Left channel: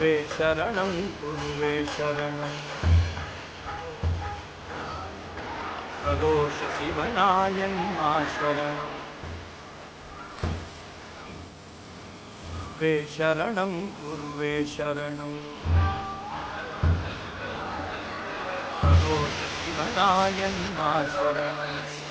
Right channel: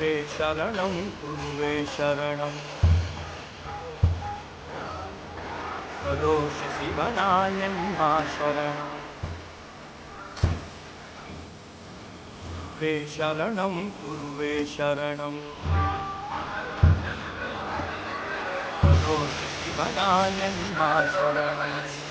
वे शरणं गुरुवे शरणं करोषि बनायन्मा शरणं वे शरणं गुरुवे शरणं करोषि बनायन्मा शरणं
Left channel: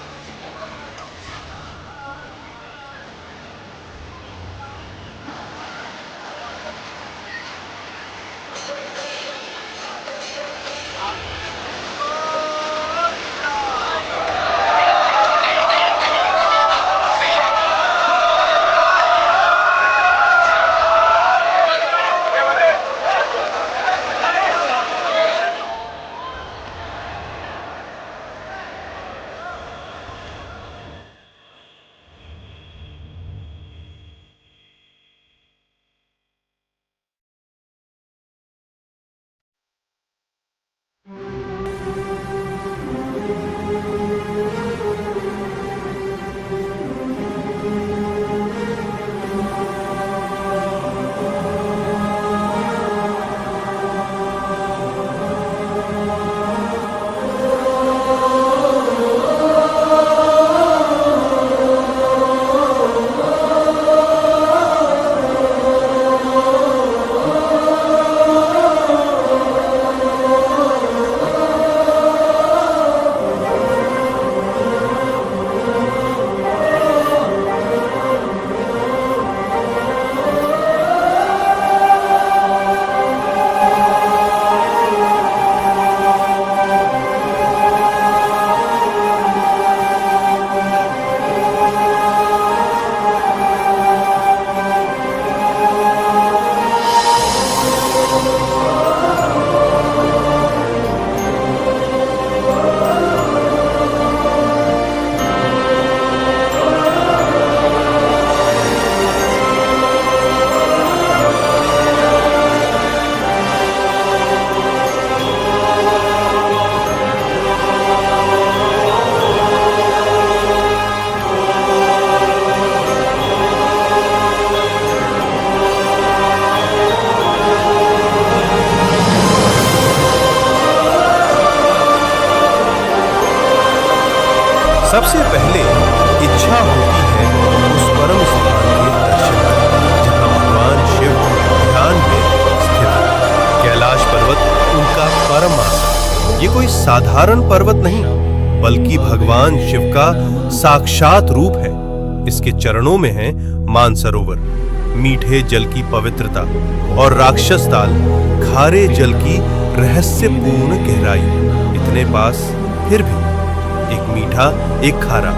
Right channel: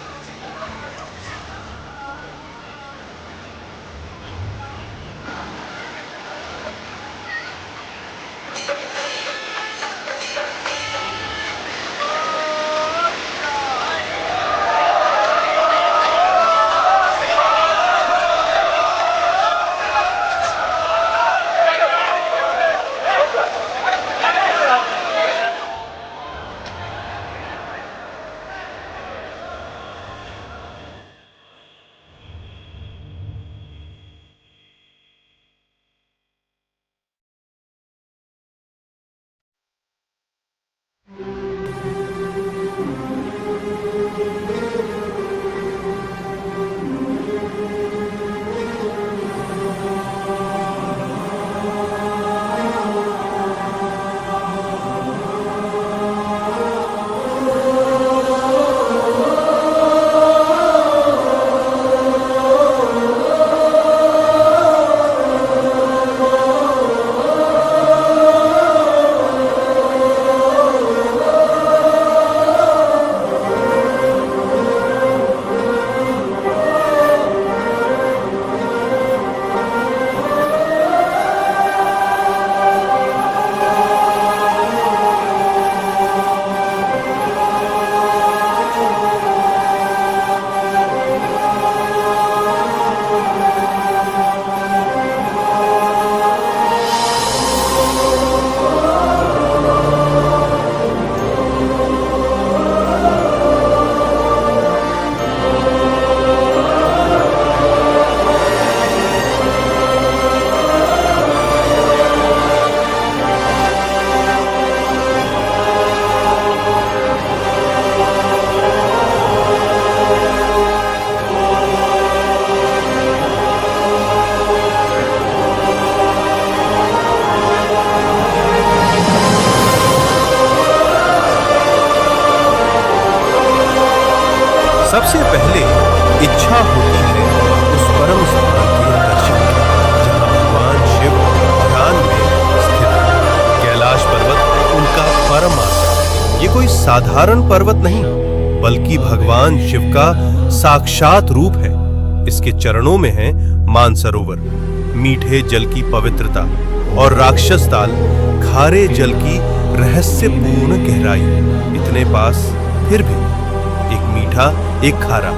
सबसे पहले इच्छा होती है उस परम स्थान के दर्शन की जहां भगवान शिव ध्यान में स्थित है। कैलाश पर्वत उनका परम आसन। ये कोई साधारण पर्वत नहीं बल्कि भगवान शिव का साक्षात रूप है। इसके चरणों में है मानसरोवर, मीठे जल की पवित्रता, और राक्षस ताल, खारे जल की रहस्यपूर्ण गहराई। इतने पास फिर भी एक मीठा एक खारा,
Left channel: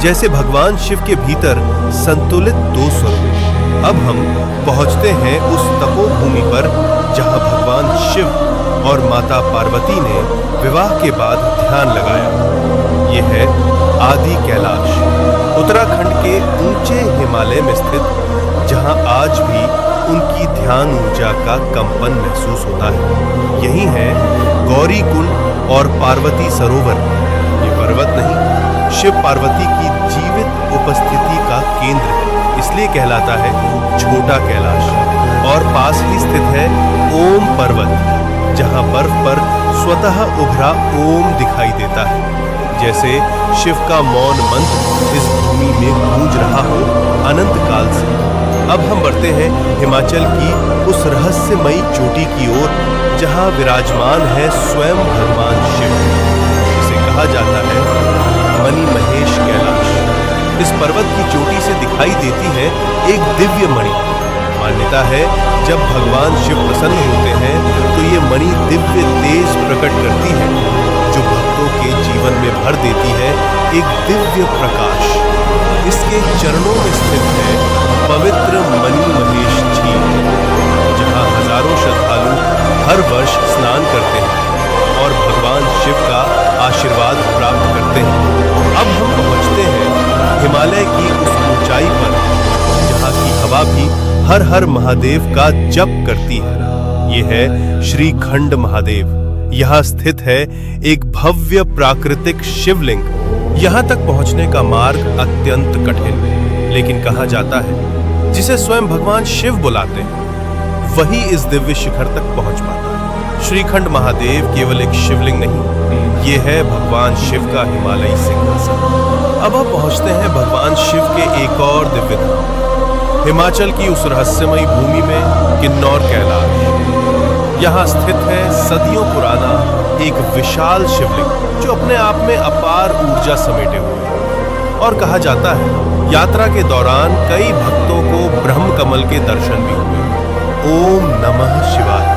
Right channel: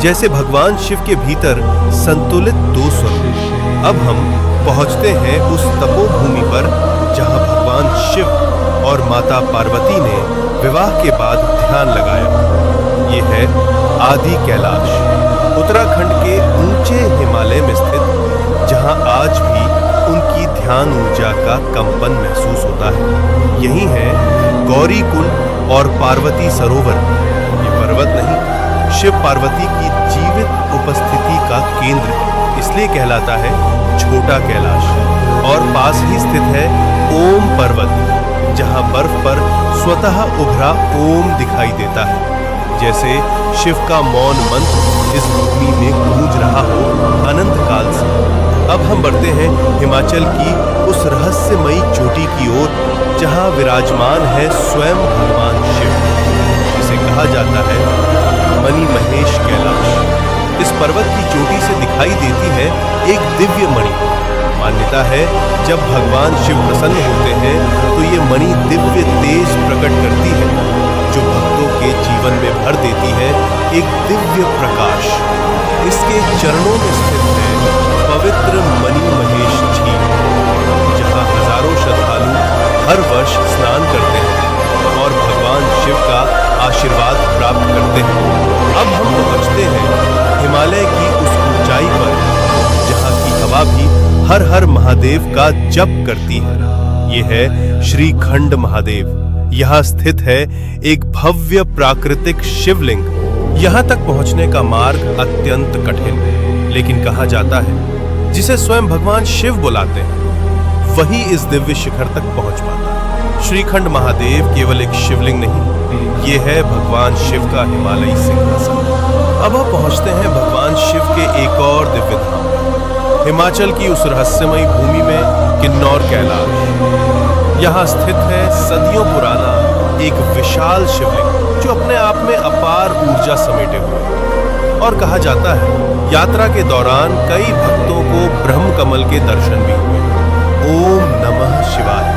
जैसे भगवान शिव के भीतर संतुलित दो स्वरूप। अब हम पहुंचते हैं उस तपोभूमि पर जहां भगवान शिव और माता पार्वती ने विवाह के बाद ध्यान लगाया। ये है आदि कैलाश, उत्तराखंड के ऊंचे हिमालय में स्थित, जहां आज भी उनकी ध्यान ऊर्जा का कंपन महसूस होता है। यही है गौरी कुंड और पार्वती सरोवर। ये पर्वत नहीं, शिव पार्वती की जीवित उपस्थिति का केंद्र है, इसलिए कहलाता है छोटा कैलाश। और पास ही स्थित है ओम पर्वत, जहां बर्फ पर स्वतः उभरा ओम दिखाई देता है, जैसे शिव का मौन मंत्र इस भूमि में गूंज रहा हो अनंत काल से। अब हम बढ़ते हैं हिमाचल की उस रहस्यमयी चोटी की ओर, जहां विराजमान है स्वयं भगवान शिव, जिसे कहा जाता है मणि महेश कैलाश। इस पर्वत की चोटी से दिखाई देती है एक दिव्य मणि। मान्यता है जब भगवान शिव प्रसन्न होते हैं तो ये मणि दिव्य तेज प्रकट करती है, जो भक्तों के जीवन में भर देती है एक दिव्य प्रकाश। इसके चरणों में स्थित है पवित्र मणि महेश झील, जहां हजारों श्रद्धालु हर वर्ष स्नान करते हैं और भगवान शिव का आशीर्वाद प्राप्त करते हैं। अब हम पहुंचते हैं हिमालय की उस ऊंचाई पर, जहां की हवा भी हर हर महादेव का जप करती है। ये है श्रीखंड महादेव। यहाँ स्थित है एक भव्य प्राकृतिक शिवलिंग। यहाँ तक पहुंचने का मार्ग अत्यंत कठिन, लेकिन कहा जाता है जिसे स्वयं भगवान शिव बुलाते हैं, वही इस दिव्य शिखर तक पहुंच पाता है। श्रीखंड महादेव केवल एक शिवलिंग नहीं, ये है भगवान शिव का हिमालयी सिंहासन। अब आप पहुंचते हैं भगवान शिव के एक और दिव्य धाम में, हिमाचल की उस रहस्यमयी भूमि में किन्नौर कैलाश। यहाँ स्थित है सदियों पुराना एक विशाल शिवलिंग जो अपने आप में अपार ऊर्जा समेटे हुए है। और कहा जाता है यात्रा के दौरान कई भक्तों को ब्रह्म कमल के दर्शन भी हुए। ओम नमः शिवाय।